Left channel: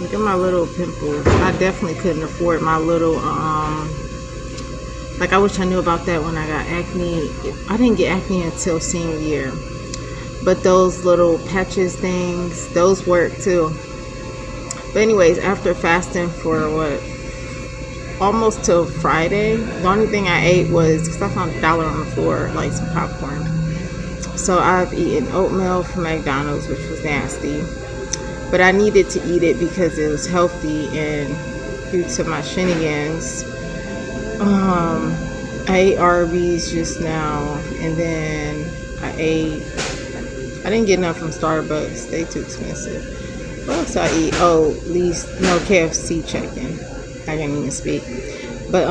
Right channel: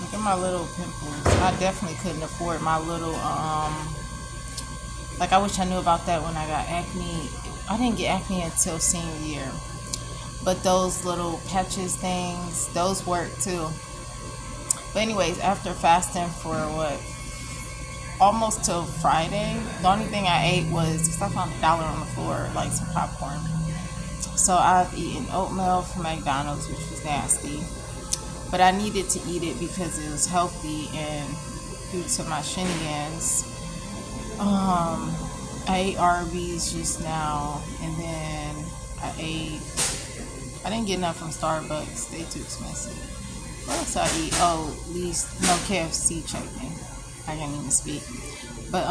Look at my little pimples. I definitely couldn't afford my little like I wish I knew about that when I got acne. I didn't get acne until senior year. But those little patches things, those work too. But anyways, after fasting for what, almost till Friday, the only thing I ate was, because I found $1 on the floor, like some popcorn. So I've eaten oatmeal from McDonald's, which was nasty. But I needed to eat it because it was healthy, and due to my shenanigans, I ate Arby's just now, and then I didn't get enough from Starbucks. They too expensive. What else I eat? Oh, at least no KFC chicken. I can't even speak. But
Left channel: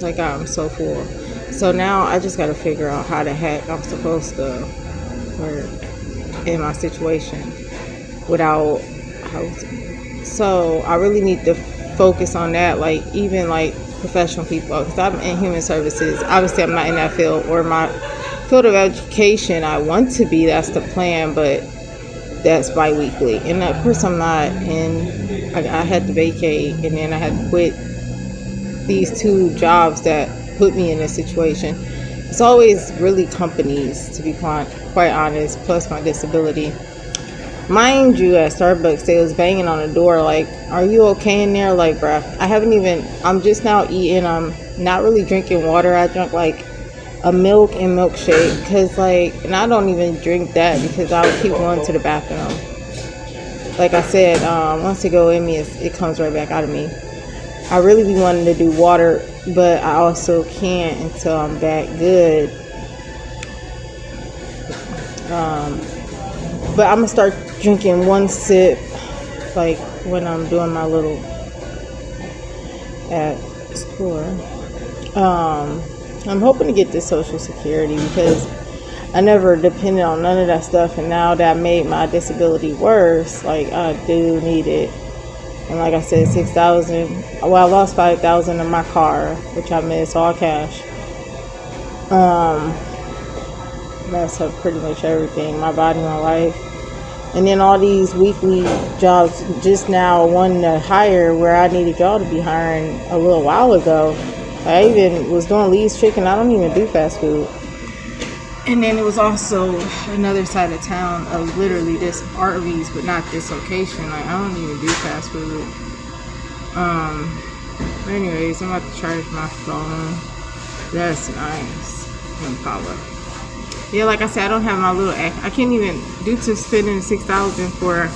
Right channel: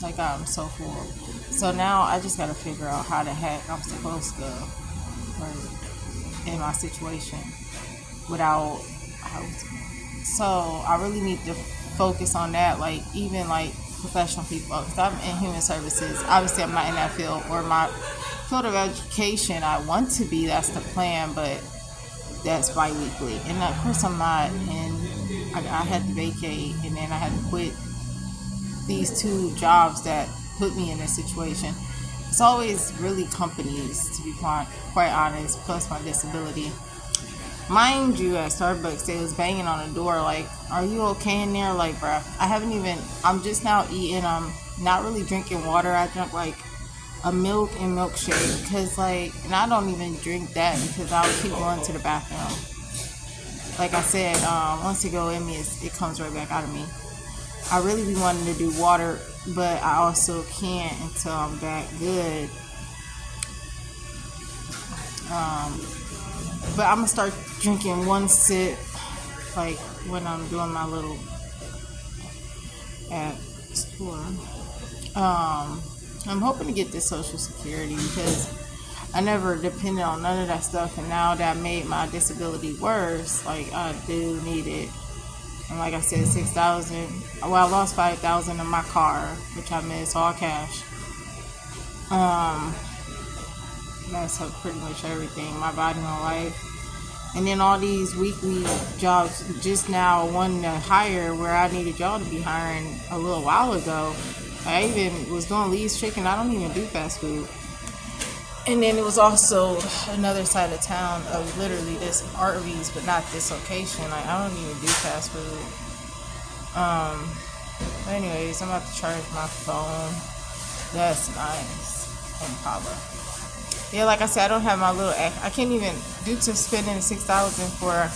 like I'm so full. So now I just gotta figure out how the heck I'm supposed to work in my situation without housing. So I really need to focus on that. Like even like professional people, because I'm in human services. Obviously, I'm not in that field or my field of education. I want to be. That's the plan, but that's bi-weekly, and of course I'm not. And I had to vacate, and then I had to quit these two jobs that put me in this situation. It's always really companies, to be quite honest, plus my disability. Mind you, at Starbucks, they was banging on the door like, are you okay in there? Like, bruh, I'm just now eating. I'm not really drinking water. I drank like a milk and milkshake because like, and I don't even drink that because I'll keep going to the bathroom. Like I said, once it go in me, it comes right back out of me. I really be wanting to do water, but I also can't until I'm back good. But I'm gonna start drinking one sip, like when I'm doing my little at store. I'm hoping to get this Social Security because I never depended on none of that stuff, and now that made my disability worse, like I do need it. And like I said, 6,000. Well, I lost 5,000 in my car, which I missed all cash. Messed up pretty much everything, my body, my life. And then all these weekly jobs, just now one to hire where I needed y'all to be hiring a little while ago. I even was doing Lee's Chicken. I don't even do fast food. And then it was also another side of town of literally this Arby's, but not this location. Like I don't even do fast food. But anyways, I'm about to charge my phone. That's nice. Impala. Yeah, like I said, I don't have my little. I can't even due to spending $6,000 for,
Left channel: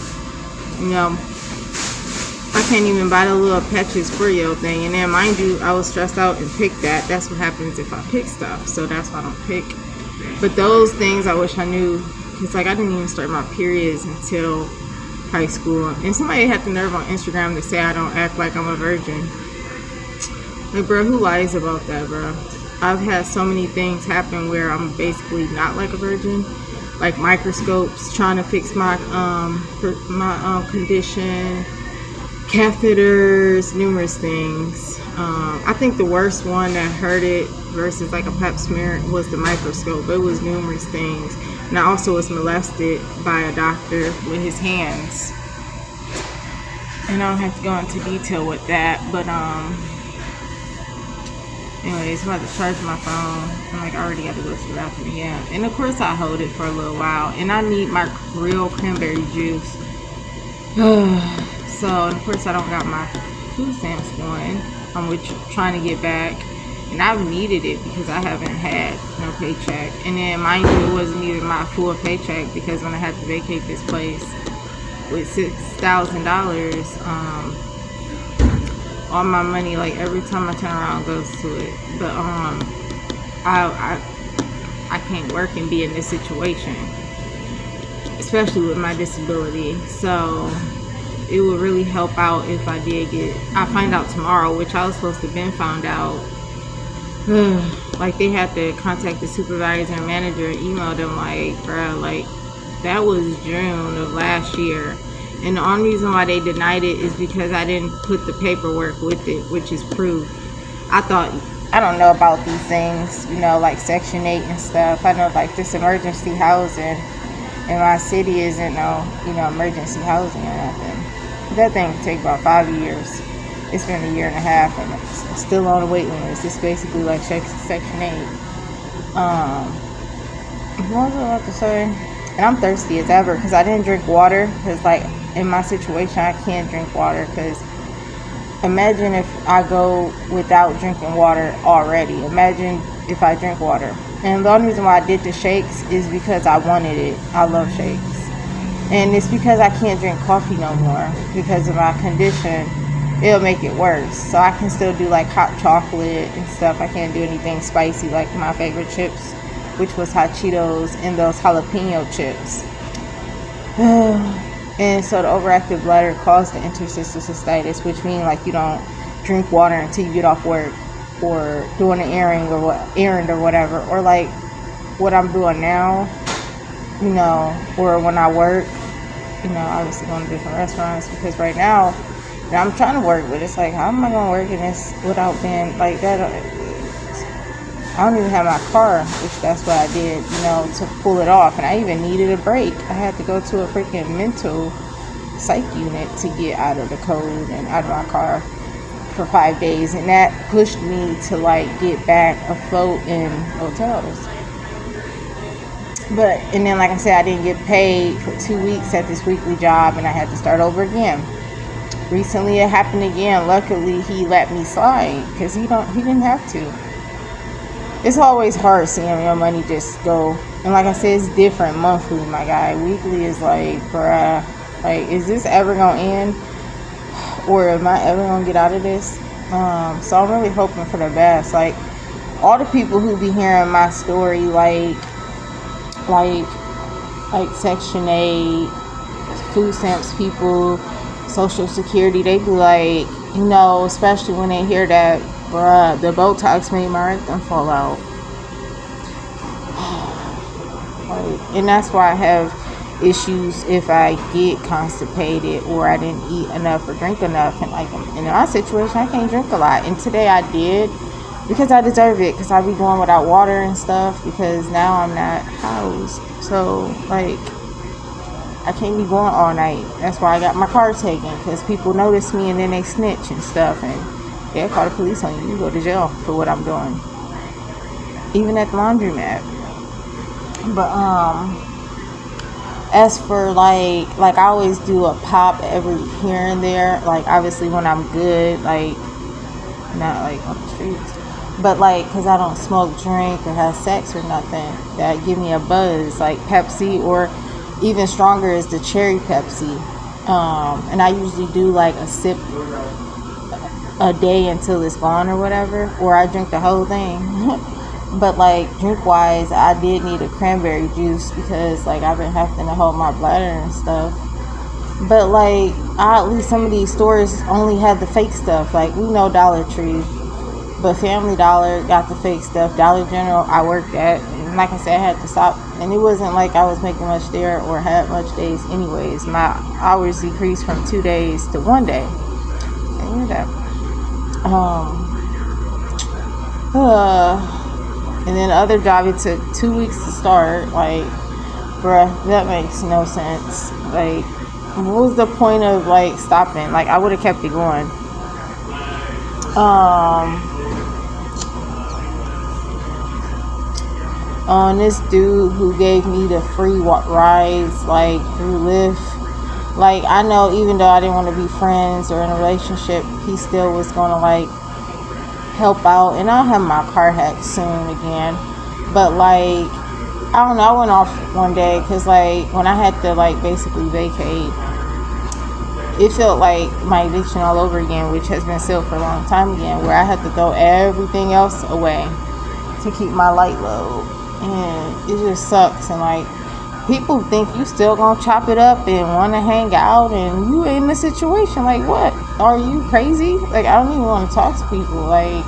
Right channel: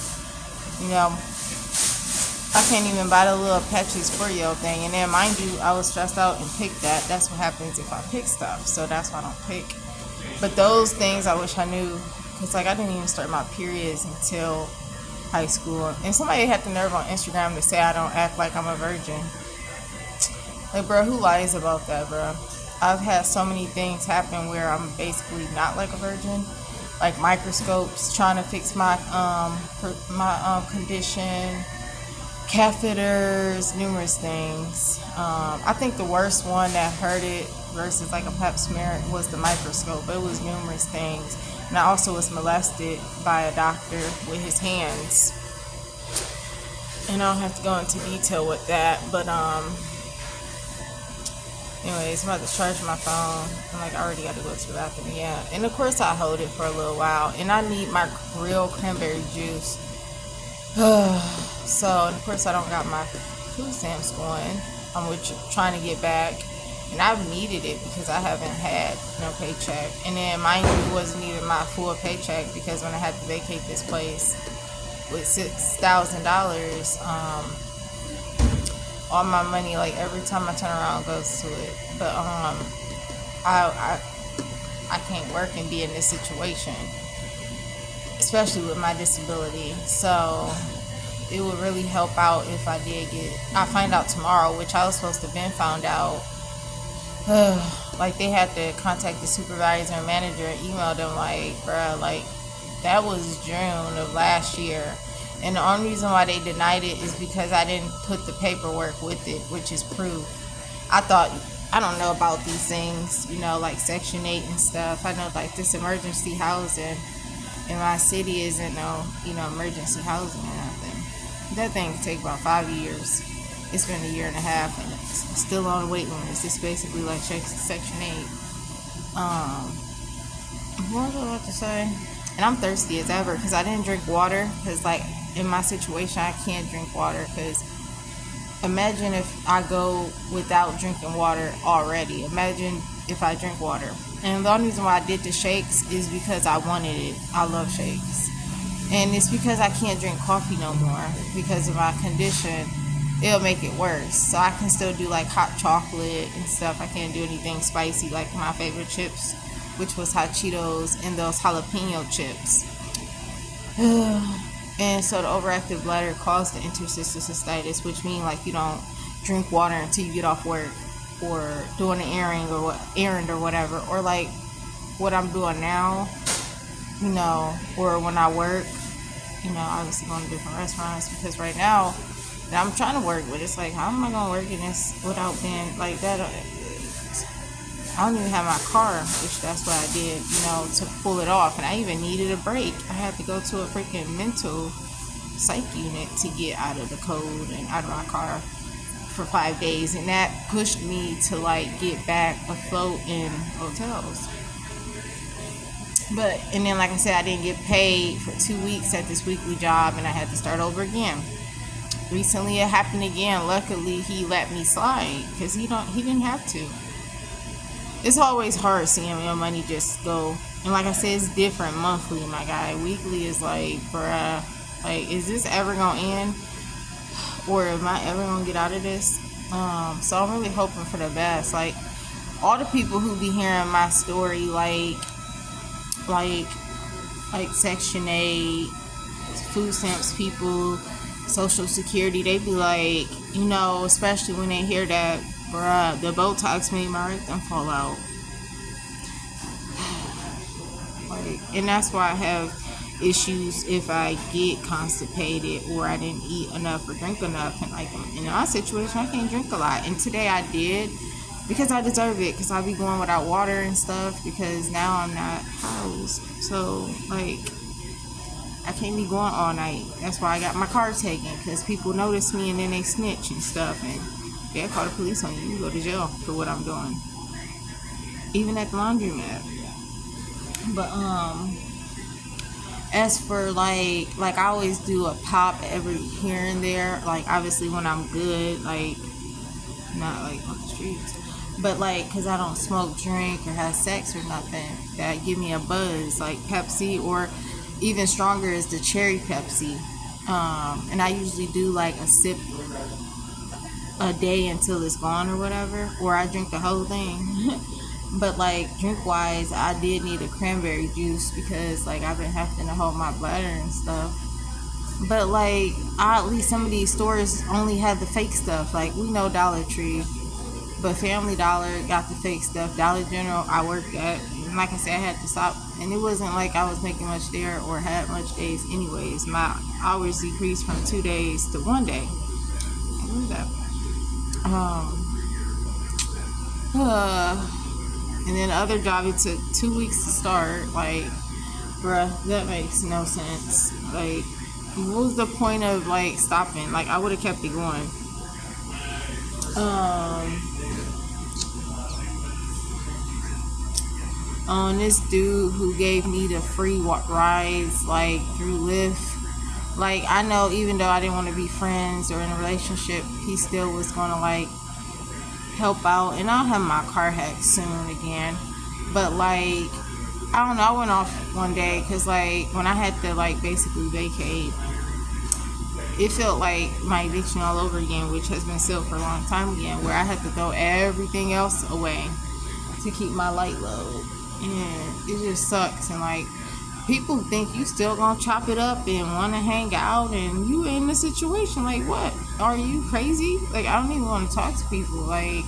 I can't even buy the little patches for your thing. And then, mind you, I was stressed out and picked that. That's what happens if I pick stuff. So that's why I don't pick. But those things I wish I knew, because like I didn't even start my periods until high school. And somebody had the nerve on Instagram to say I don't act like I'm a virgin. Like, bro, who lies about that, bro? I've had so many things happen where I'm basically not like a virgin, like microscopes trying to fix my condition, catheters, numerous things. I think the worst one that hurt it versus like a pap smear was the microscope. It was numerous things, and I also was molested by a doctor with his hands. And I don't have to go into detail with that, but anyways, I'm about to charge my phone. I'm like, I already got to go to the bathroom. Yeah. And of course, I hold it for a little while. And I need my real cranberry juice. So, of course, I don't got my food stamps going. I'm trying to get back. And I've needed it because I haven't had no paycheck. And then, mind you, it wasn't even my full paycheck because when I had to vacate this place with $6,000, all my money, like every time I turn around, goes to it. But I can't work and be in this situation, especially with my disability. So it would really help out if I find out tomorrow, which I was supposed to have been found out. Like they had to contact the supervisor and manager and email them like, bruh, like that was June of last year. And the only reason why they denied it is because I didn't put the paperwork with it, which is proof. I don't know about these things, like Section 8 and stuff. I know like this emergency housing in my city isn't no, emergency housing or nothing. That thing could take about 5 years. It's been a year and a half, and it's still on the waiting list. It's basically like Section 8. What was I about to say? And I'm thirsty as ever because I didn't drink water. Because, like, in my situation, I can't drink water. Because imagine if I go without drinking water already. Imagine if I drink water. And the only reason why I did the shakes is because I wanted it. I love shakes. And it's because I can't drink coffee no more because of my condition. It'll make it worse. So I can still do like hot chocolate and stuff. I can't do anything spicy like my favorite chips, which was hot Cheetos and those jalapeno chips. And so the overactive bladder caused the interstitial cystitis, which means like you don't drink water until you get off work or doing an errand or whatever, or like what I'm doing now, or when I work, obviously going to different restaurants, because right now I'm trying to work, but it's like, how am I going to work in this without being like that? I don't even have my car, which that's what I did, to pull it off. And I even needed a break. I had to go to a freaking mental psych unit to get out of the code and out of my car for 5 days. And that pushed me to like get back afloat in hotels. And then, like I said, I didn't get paid for 2 weeks at this weekly job, and I had to start over again. Recently it happened again. Luckily he let me slide because he didn't have to. It's always hard seeing your money just go. And like I said, it's different monthly, my guy. Weekly is like, bruh, like, is this ever gonna end? Or am I ever gonna get out of this? So I'm really hoping for the best. Like, all the people who be hearing my story, like Section 8, food stamps people, Social Security, they be like, especially when they hear that, bruh, the Botox made my rectum fall out. And that's why I have issues if I get constipated or I didn't eat enough or drink enough. And like in my situation, I can't drink a lot. And today I did because I deserve it, because I be going without water and stuff because now I'm not housed. So like, I can't be going all night. That's why I got my car taken, because people notice me and then they snitch and stuff, and yeah, call the police on you. You go to jail for what I'm doing, even at the laundromat. But as for like I always do a pop every here and there, like obviously when I'm good, like not like on the streets, but like because I don't smoke, drink, or have sex or nothing that give me a buzz, like Pepsi, or even stronger is the cherry Pepsi. And I usually do like a sip a day until it's gone or whatever, or I drink the whole thing. But like drink wise, I did need a cranberry juice because like I've been having to hold my bladder and stuff. But like at least some of these stores only had the fake stuff. Like we know Dollar Tree, but Family Dollar got the fake stuff. Dollar General I worked at, and like I said, I had to stop. And it wasn't like I was making much there or had much days anyways. My hours decreased from 2 days to 1 day. I knew that. And then the other job, it took 2 weeks to start. Like, bruh, that makes no sense. Like, what was the point of like stopping? Like, I would have kept it going. On this dude who gave me the free rides, like through Lyft. Like, I know even though I didn't want to be friends or in a relationship, he still was gonna like help out. And I'll have my car hacked soon again. But like, I don't know, I went off one day because like when I had to like basically vacate, it felt like my eviction all over again, which has been sealed for a long time again, where I had to throw everything else away to keep my light low. And it just sucks. And like, people think you still gonna chop it up and want to hang out, and you in the situation. Like, what? Are you crazy? Like, I don't even want to talk to people. Like,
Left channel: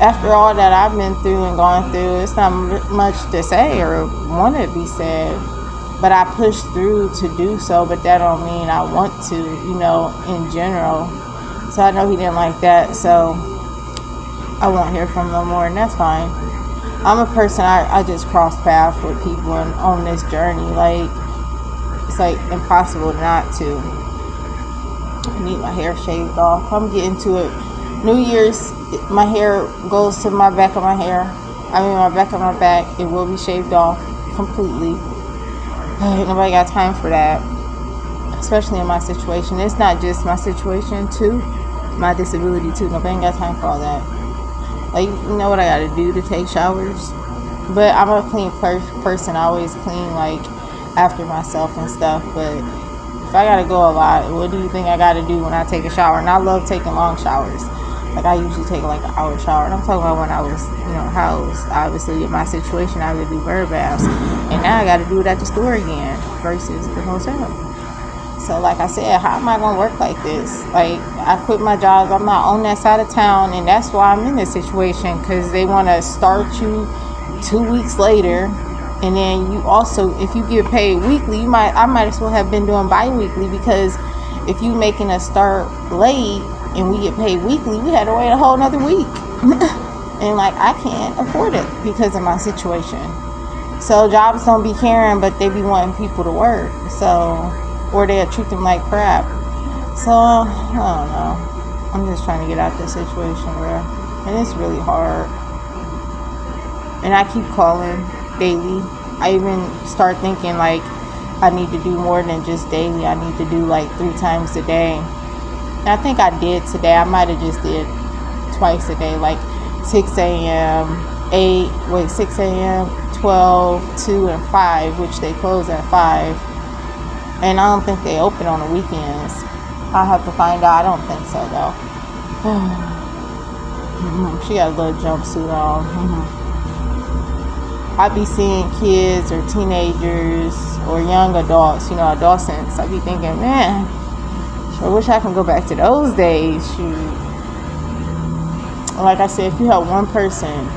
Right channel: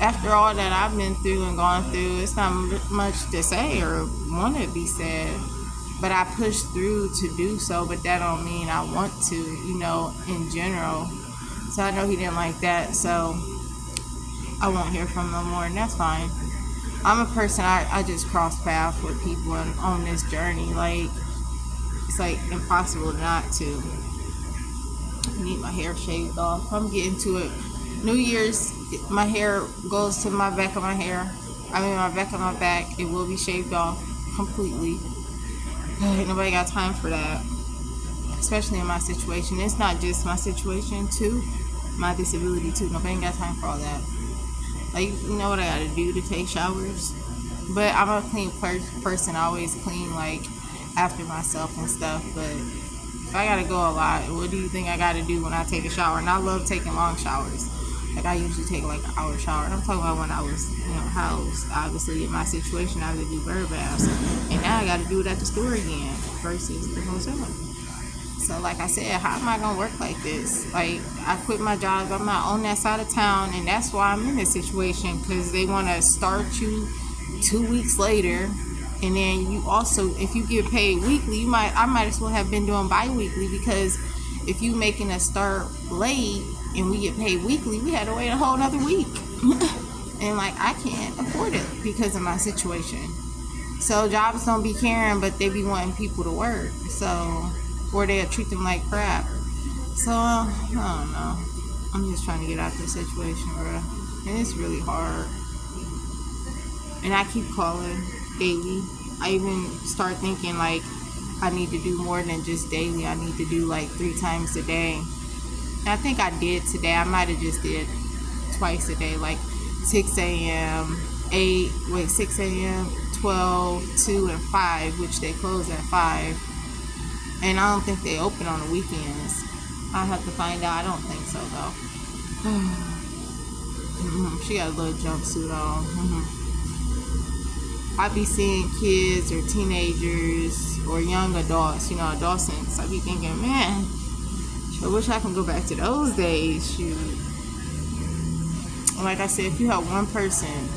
after all that I've been through and gone through, it's not much to say or want to be said. But I pushed through to do so, but that don't mean I want to, in general. So I know he didn't like that, so I won't hear from him no more, and that's fine. I'm a person, I just cross paths with people on this journey. Like, it's like impossible not to. my hair shaved off. I'm getting to it. New Year's, my hair goes to my back of my hair. My back of my back. It will be shaved off completely. Ain't nobody got time for that, especially in my situation. It's not just my situation too, my disability too. Nobody ain't got time for all that. Like, you know what I gotta do to take showers? But I'm a clean person. I always clean, like, after myself and stuff. But if I gotta go a lot, what do you think I gotta do when I take a shower? And I love taking long showers. Like, I usually take like an hour shower. And I'm talking about when I was, housed. Obviously, in my situation, I would do bird baths. And now I gotta do it at the store again versus the hotel. So, like I said, how am I going to work like this? Like, I quit my job. I'm not on that side of town, and that's why I'm in this situation, because they want to start you 2 weeks later, and then you also, if you get paid weekly, I might as well have been doing bi-weekly, because if you making us start late and we get paid weekly, we had to wait a whole another week. And, like, I can't afford it because of my situation. So, jobs don't be caring, but they be wanting people to work. So... or they'll treat them like crap. So, I don't know. I'm just trying to get out this situation, bro. And it's really hard. And I keep calling daily. I even start thinking, like, I need to do more than just daily. I need to do, like, 3 times a day. And I think I did today. I might have just did twice a day. Like, 6 a.m., 6 a.m., 12, 2, and 5, which they close at 5. And I don't think they open on the weekends. I'll have to find out. I don't think so, though. She got a little jumpsuit on. I be seeing kids or teenagers or young adults, adolescents. I be thinking, man, I wish I can go back to those days. Shoot. Like I said, if you have one person,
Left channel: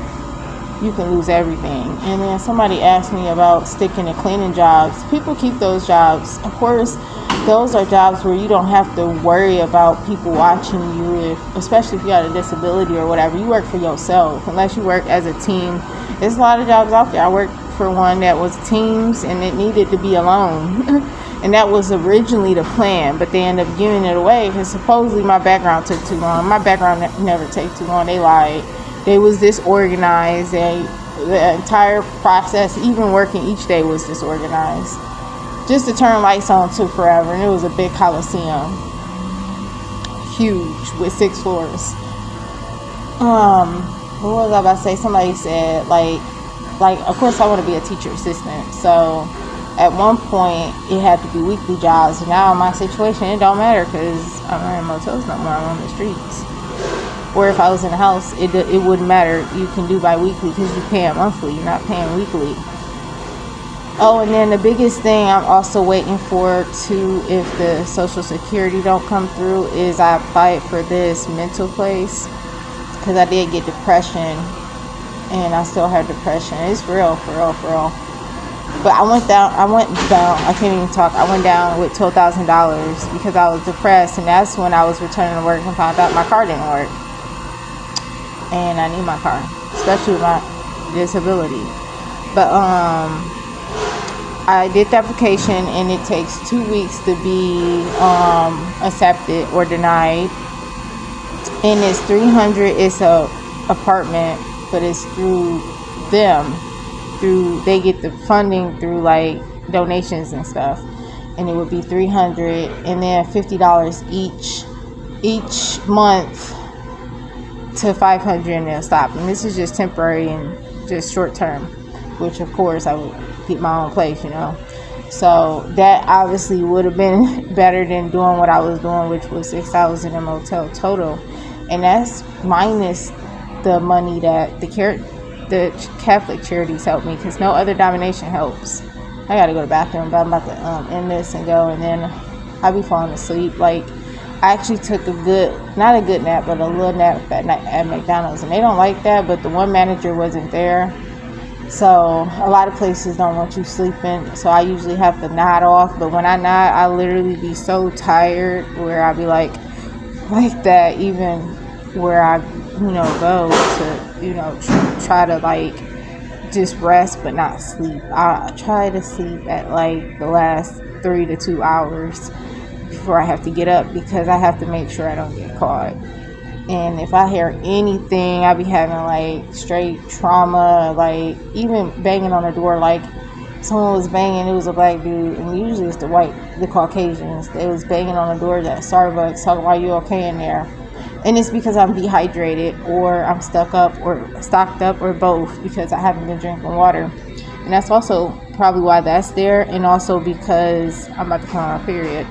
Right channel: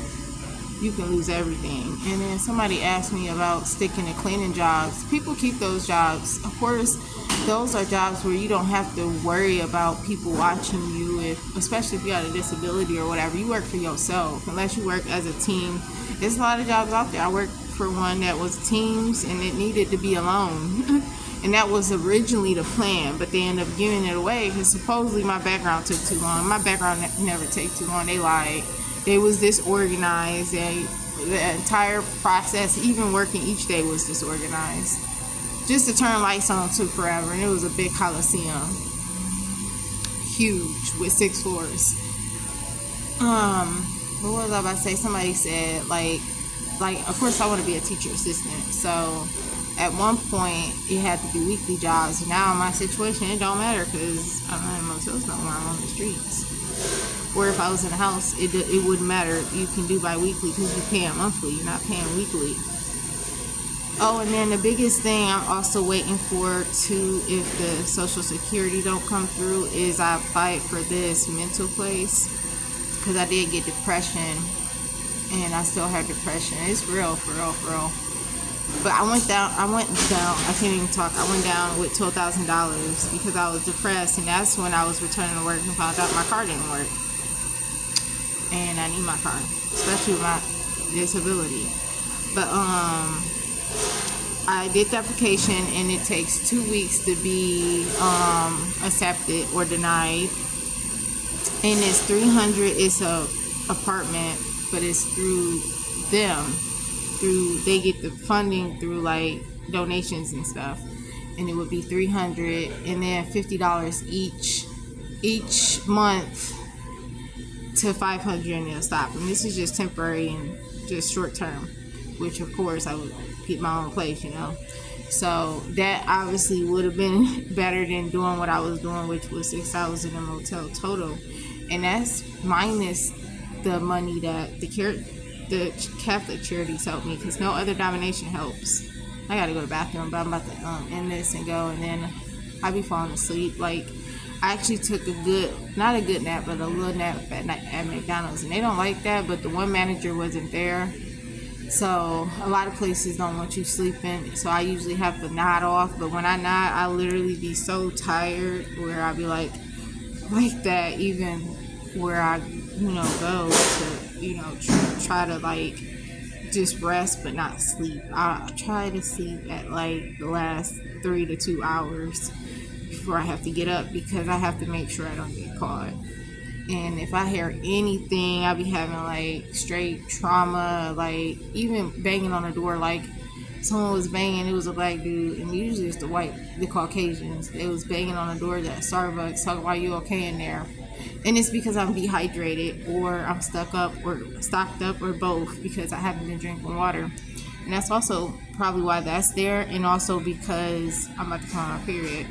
you can lose everything. And then somebody asked me about sticking to cleaning jobs. People keep those jobs. Of course, those are jobs where you don't have to worry about people watching you, especially if you got a disability or whatever. You work for yourself, unless you work as a team. There's a lot of jobs out there. I worked for one that was teams, and it needed to be alone. And that was originally the plan, but they ended up giving it away because supposedly my background took too long. My background never take too long. They lied. They was disorganized. The entire process, even working each day, was disorganized. Just to turn lights on took forever, and it was a big coliseum, huge, with 6 floors. What was I about to say? Somebody said, like, of course I want to be a teacher assistant. So at one point it had to be weekly jobs. And now in my situation, it don't matter because I'm not in motels no more. I'm on the streets. Or if I was in a house, it wouldn't matter. You can do bi-weekly because you pay it monthly. You're not paying weekly. Oh, and then the biggest thing I'm also waiting for too, if the Social Security don't come through, is I applied for this mental place because I did get depression, and I still have depression. It's real, for real. But I went down. I can't even talk. I went down with $12,000 because I was depressed, and that's when I was returning to work and found out my car didn't work. And I need my car, especially with my disability. But I did the application, and it takes 2 weeks to be accepted or denied. And it's $300. It's a apartment, but it's through them. They get the funding through like donations and stuff, and it would be $300, and then $50 each month to $500, and they'll stop. And this is just temporary and just short term, which of course I would get my own place, So that obviously would have been better than doing what I was doing, which was $6,000 in motel total, and that's minus the money that the Catholic charities help me, because no other denomination helps. I gotta go to the bathroom, but I'm about to end this and go, and then I'll be falling asleep. Like, I actually took not a good nap, but a little nap at night at McDonald's, and they don't like that, but the one manager wasn't there. So a lot of places don't want you sleeping, so I usually have to nod off, but when I nod, I literally be so tired where I'll be like that, even where I go to try to like just rest but not sleep. I try to sleep at like the last 3 to 2 hours before I have to get up because I have to make sure I don't get caught. And if I hear anything, I be having like straight trauma, like even banging on the door, like someone was banging, it was a black dude, and usually it's the Caucasians. They was banging on the doors at Starbucks, talking about you okay in there. And it's because I'm dehydrated or I'm stocked up or both because I haven't been drinking water. And that's also probably why that's there, and also because I'm about to come on my period.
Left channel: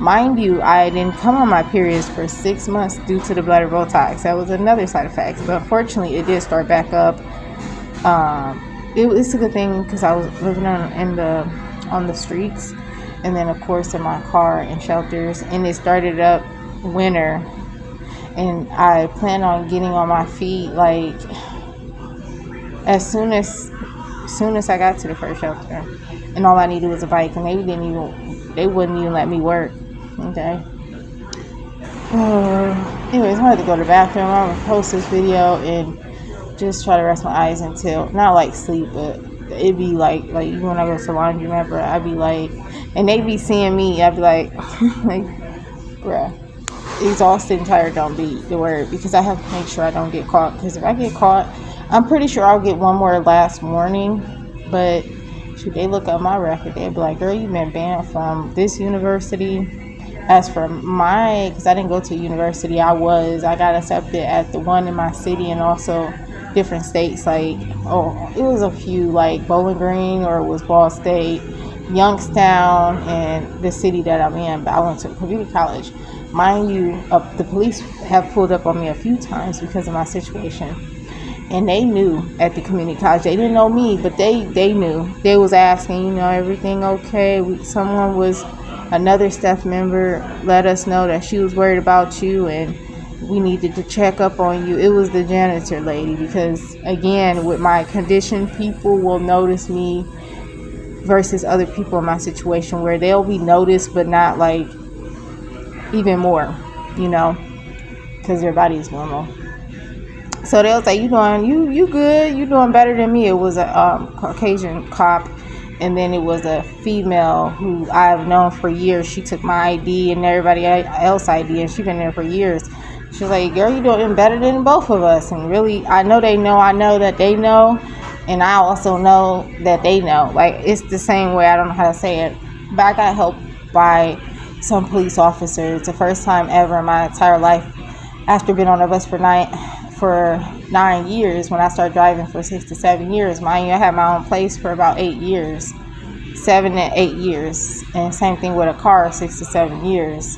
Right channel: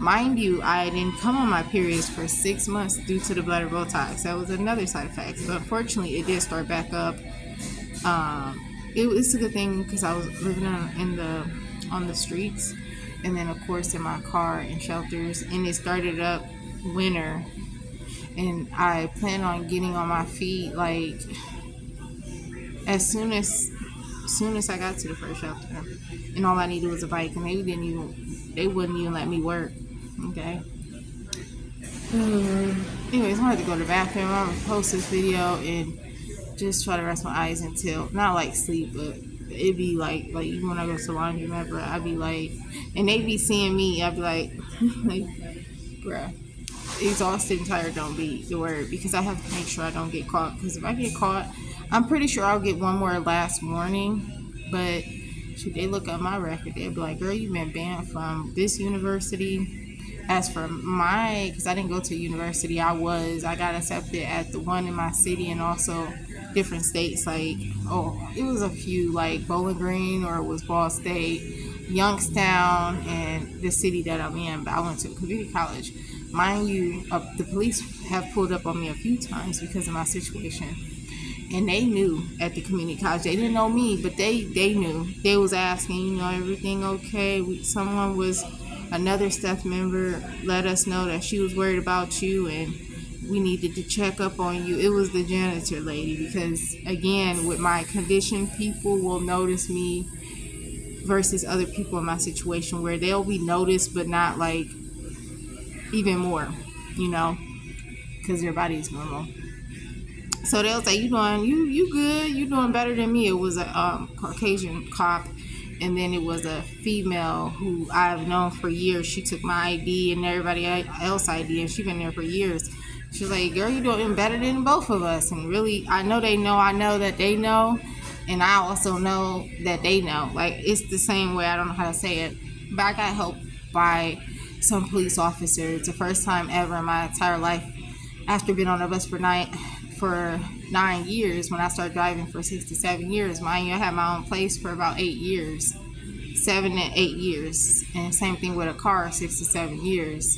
Mind you, I didn't come on my periods for 6 months due to the bladder Botox. That was another side effect. But unfortunately, it did start back up. It's a good thing because I was living on the streets, and then of course in my car and shelters. And it started up winter, and I plan on getting on my feet like as soon as I got to the first shelter. And all I needed was a bike, and they wouldn't even let me work. Okay. Anyways, I had to go to the bathroom. I'm gonna post this video and just try to rest my eyes until not like sleep, but it'd be like even when I go to the laundry, remember, I'd be like, and they be seeing me, I'd be like, like, bruh, exhausted and tired don't be the word, because I have to make sure I don't get caught. Because if I get caught, I'm pretty sure I'll get one more last warning, but shoot, they look at my record, they'd be like, girl, you've been banned from this university. As for because I didn't go to university, I got accepted at the one in my city and also different states. Like, it was a few, like Bowling Green, or it was Ball State, Youngstown, and the city that I'm in. But I went to a community college. Mind you, the police have pulled up on me a few times because of my situation. And they knew at the community college. They didn't know me, but they knew. They was asking, everything okay? Another staff member let us know that she was worried about you and we needed to check up on you. It was the janitor lady, because again, with my condition, people will notice me versus other people in my situation where they'll be noticed but not like even more, because their body is normal. So they was like, you good, you doing better than me. It was a Caucasian cop, and then it was a female who I've known for years. She took my ID and everybody else ID, and she's been there for years. She was like, girl, you doing better than both of us. And really, I know that they know, and I also know that they know. Like, it's the same way, I don't know how to say it, but I got helped by some police officers. It's the first time ever in my entire life, after being on the bus for 9 years, when I started driving for 6 to 7 years. Mind you, I had my own place for about 8 years, 7 to 8 years, and same thing with a car, 6 to 7 years.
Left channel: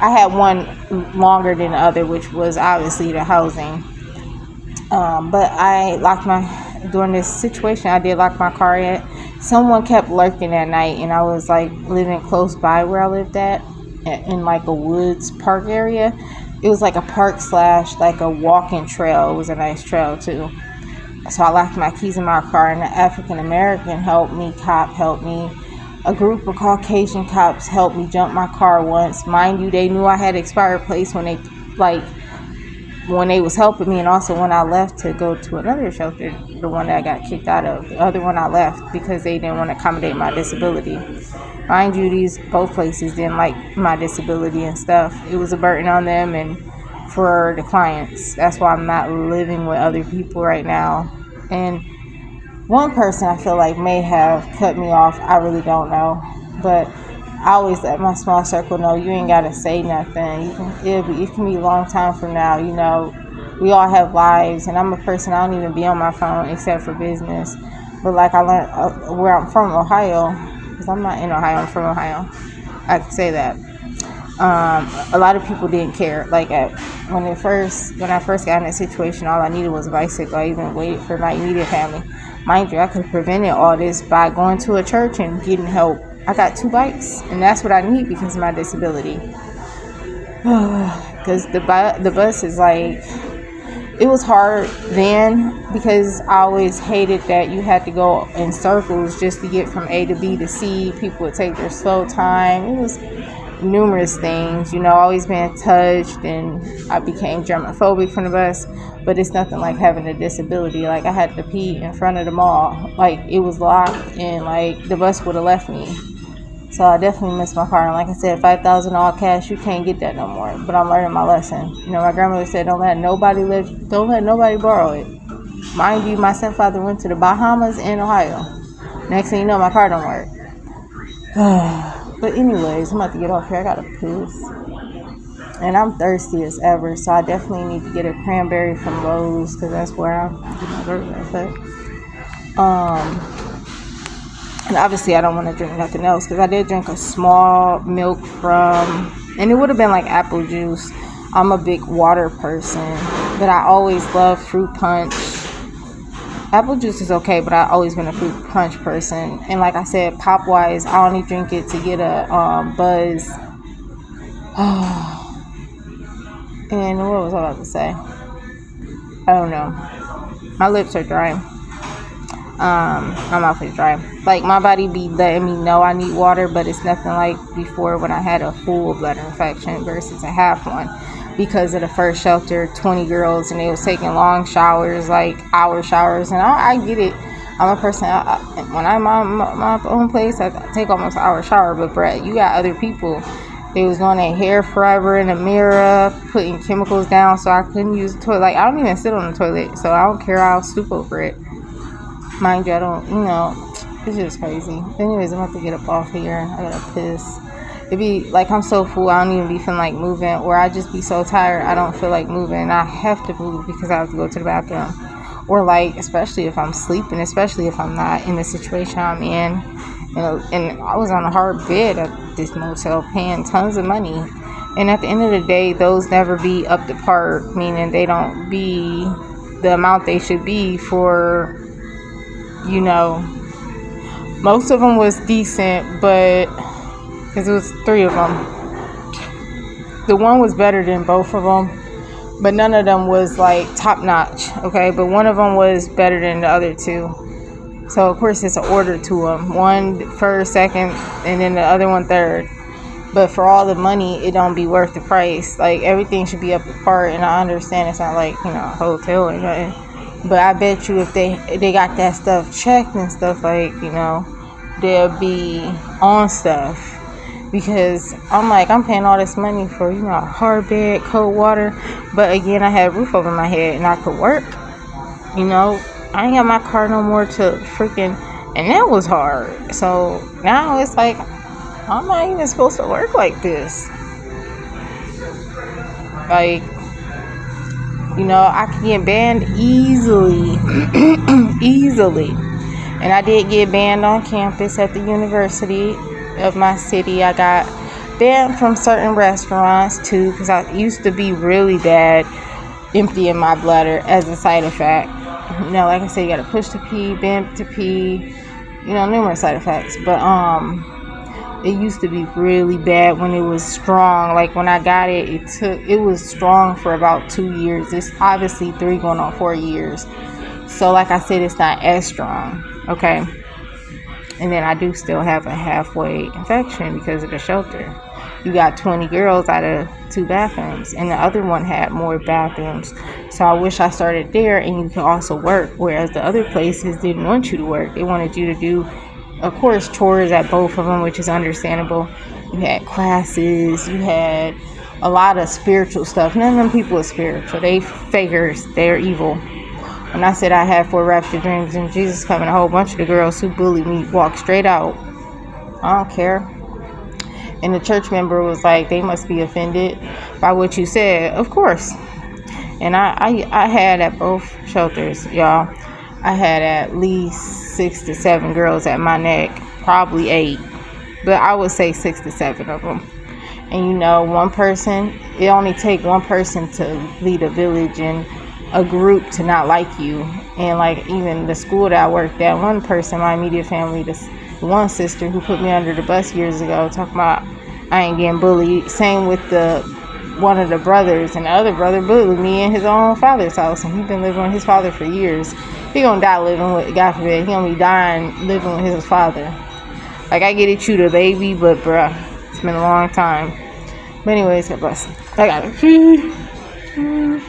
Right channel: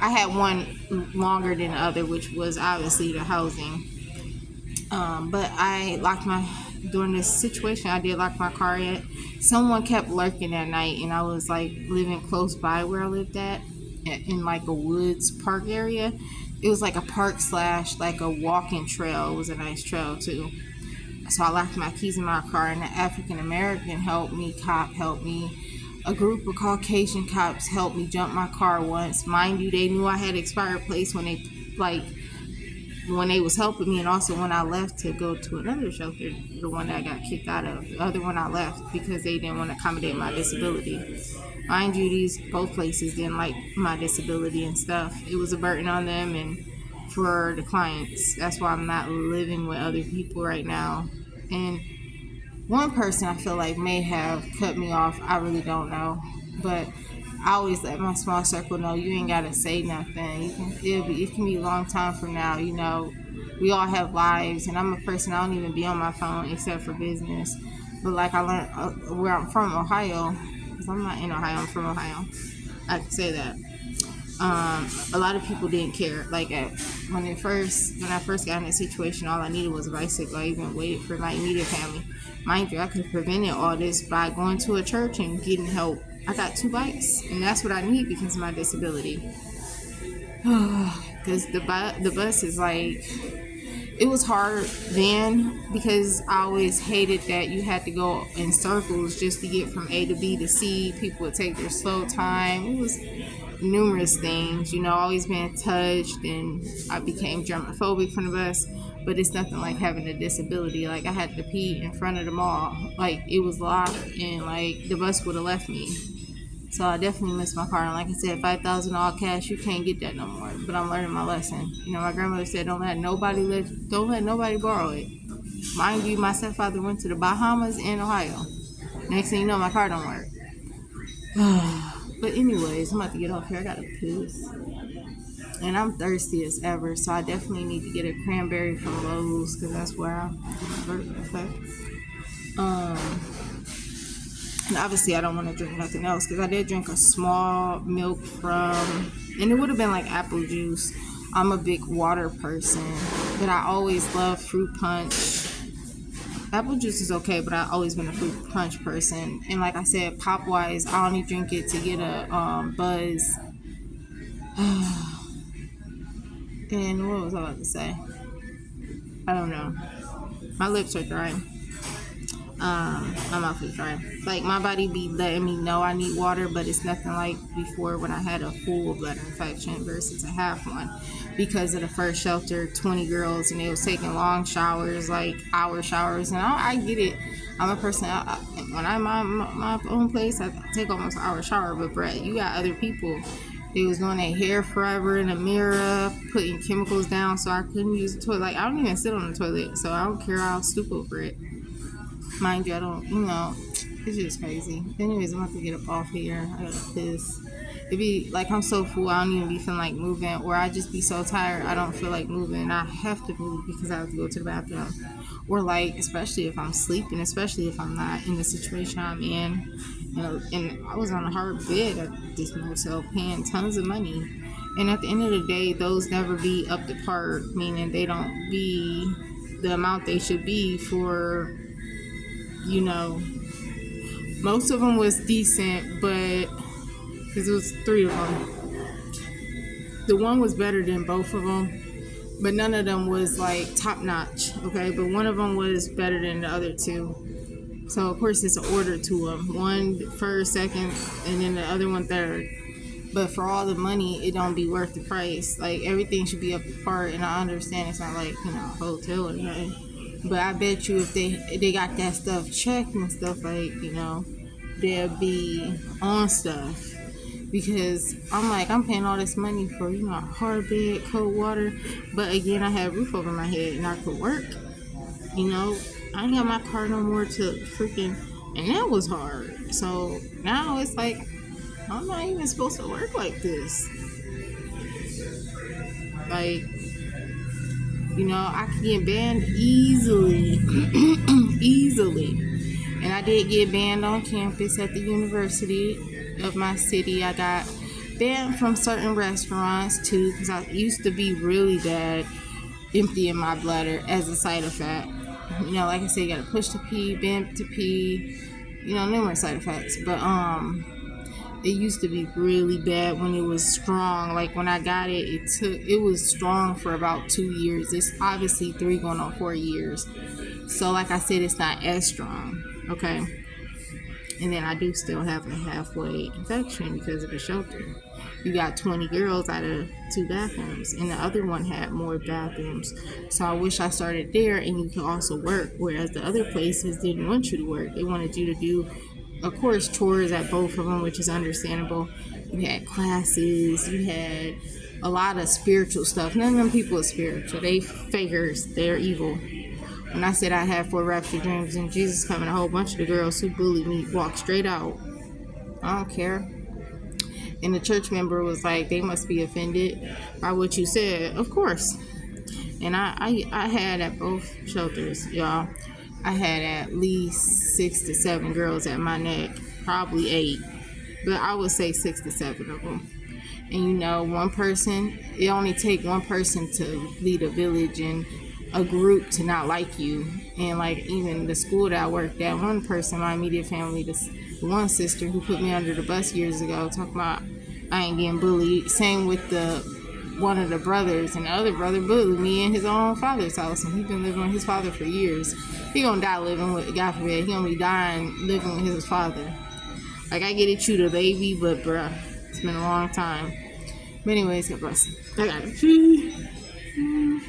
I had one longer than the other, which was obviously the housing. But during this situation, I did lock my car in. Someone kept lurking at night, and I was like living close by where I lived at, in like a woods park area. It was like a park / like a walking trail. It was a nice trail too. So I locked my keys in my car, and the African American cop helped me. A group of Caucasian cops helped me jump my car once. Mind you, they knew I had expired plates when they was helping me, and also when I left to go to another shelter, the one that I got kicked out of. The other one I left because they didn't want to accommodate my disability. Mind you, both places didn't like my disability and stuff. It was a burden on them and for the clients. That's why I'm not living with other people right now. And one person I feel like may have cut me off. I really don't know. But I always let my small circle know, you ain't got to say nothing. It can be a long time from now. We all have lives, and I'm a person, I don't even be on my phone except for business. But like I learned where I'm from, Ohio, because I'm not in Ohio, I'm from Ohio. I can say that. A lot of people didn't care. Like when I first got in that situation, all I needed was a bicycle. I even waited for my immediate family. Mind you, I could have prevented all this by going to a church and getting help. I got 2 bikes, and that's what I need because of my disability. Because the bus is like, it was hard then because I always hated that you had to go in circles just to get from A to B to C. People would take their slow time. It was numerous things, always being touched, and I became germophobic from the bus. But it's nothing like having a disability. Like, I had to pee in front of the mall. Like, it was locked, and like the bus would have left me. So I definitely miss my car. And like I said, 5,000 all cash, you can't get that no more. But I'm learning my lesson. You know, my grandmother said, don't let nobody borrow it. Mind you, my stepfather went to the Bahamas and Ohio. Next thing you know, my car don't work. But anyways, I'm about to get off here. I gotta piss. And I'm thirsty as ever, so I definitely need to get a cranberry from Lowe's because that's where I get my burger at. And obviously I don't want to drink nothing else because I did drink a small milk from, and it would have been like apple juice. I'm a big water person, but I always love fruit punch. Apple juice is okay, but I've always been a fruit punch person. And like I said, pop wise, I only drink it to get a buzz. And what was I about to say? I don't know. My lips are dry. My mouth is dry. Like, my body be letting me know I need water, but it's nothing like before when I had a full bladder infection versus a half one. Because of the first shelter, 20 girls, and they was taking long showers, like hour showers. And I get it. I'm a person, when I'm at my own place, I take almost an hour shower. But, Brett, you got other people. They was doing their hair forever in the mirror, putting chemicals down, so I couldn't use the toilet. Like, I don't even sit on the toilet, so I don't care. I'll stoop over it. Mind you, I don't, it's just crazy. Anyways, I'm about to get up off here. I gotta piss. It be like I'm so full, I don't even be feeling like moving, or I just be so tired, I don't feel like moving. I have to move because I have to go to the bathroom. Or like, especially if I'm sleeping, especially if I'm not in the situation I'm in. And I was on a hard bed at this motel paying tons of money. And at the end of the day, those never be up to par, meaning they don't be the amount they should be for, most of them was decent, but because it was 3 of them. The one was better than both of them, but none of them was like top notch, okay? But one of them was better than the other 2. So, of course, it's an order to them. One first, second, and then the other one third. But for all the money, it don't be worth the price. Like, everything should be up to par, and I understand it's not like, a hotel or nothing. But I bet you if they got that stuff checked and stuff, like, they'll be on stuff. Because I'm paying all this money for, a hard bed, cold water. But again, I had a roof over my head and I could work. I ain't got my car no more to freaking, and that was hard. So now it's like, I'm not even supposed to work like this. Like, I can get banned easily. Easily. And I did get banned on campus at the university of my city. I got banned from certain restaurants too, because I used to be really bad emptying my bladder as a side effect. Like I said, you gotta push to pee, bend to pee, numerous side effects. But it used to be really bad when it was strong. Like when I got it, it was strong for about 2 years. It's obviously 3 going on 4 years. So like I said, it's not as strong. Okay. And then I do still have a halfway infection because of the shelter. You got 20 girls out of 2 bathrooms, and the other one had more bathrooms. So I wish I started there and you could also work, whereas the other places didn't want you to work. They wanted you to do, of course, chores at both of them, which is understandable. You had classes, you had a lot of spiritual stuff. None of them people are spiritual. They fakers, they're evil. When I said I had 4 rapture dreams and Jesus coming, a whole bunch of the girls who bullied me walked straight out. I don't care. And the church member was like, they must be offended by what you said. Of course. And I had at both shelters, y'all, I had at least 6 to 7 girls at my neck, probably 8. But I would say 6 to 7 of them. And one person, it only take one person to lead a village and a group to not like you. And like even the school that I worked at, one person, my immediate family, this one sister who put me under the bus years ago, talking about I ain't getting bullied. Same with one of the brothers, and the other brother bullied me in his own father's house, and he's been living with his father for years. He gonna die living with, God forbid, he gonna be dying living with his father. Like, I get it, you the baby, but bruh, it's been a long time. But anyways, God bless. I got it.